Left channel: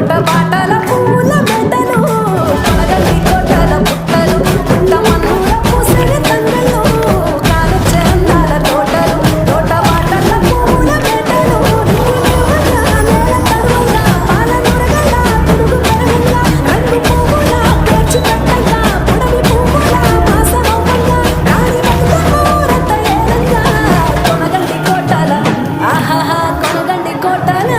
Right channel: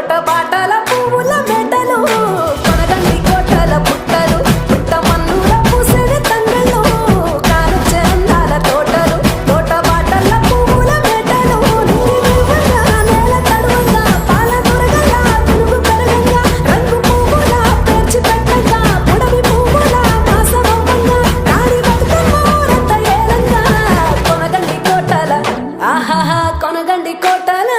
తోట బాటల పువ్వుల మెటలు కొనగండి కోటల పుట్టలు పుట్ట మన్నుల పూసెడి తంగళ్ళు కానొచ్చే అందాల తోటలు తోట బాటల పువ్వుల మెటలు నింగి దేవంగా నేల తడువంగా పాల నొరగల్లా పునుగు పెరగంగా రంగు పువ్వుల పేర్చి పెట్టంగా పుడమి పువ్వుల మాసమవ్వంగా రాణి బతుకమ్మూరంత ఏలంగా కొనగండి కోటల ఆహాహా కొనగండి కోటల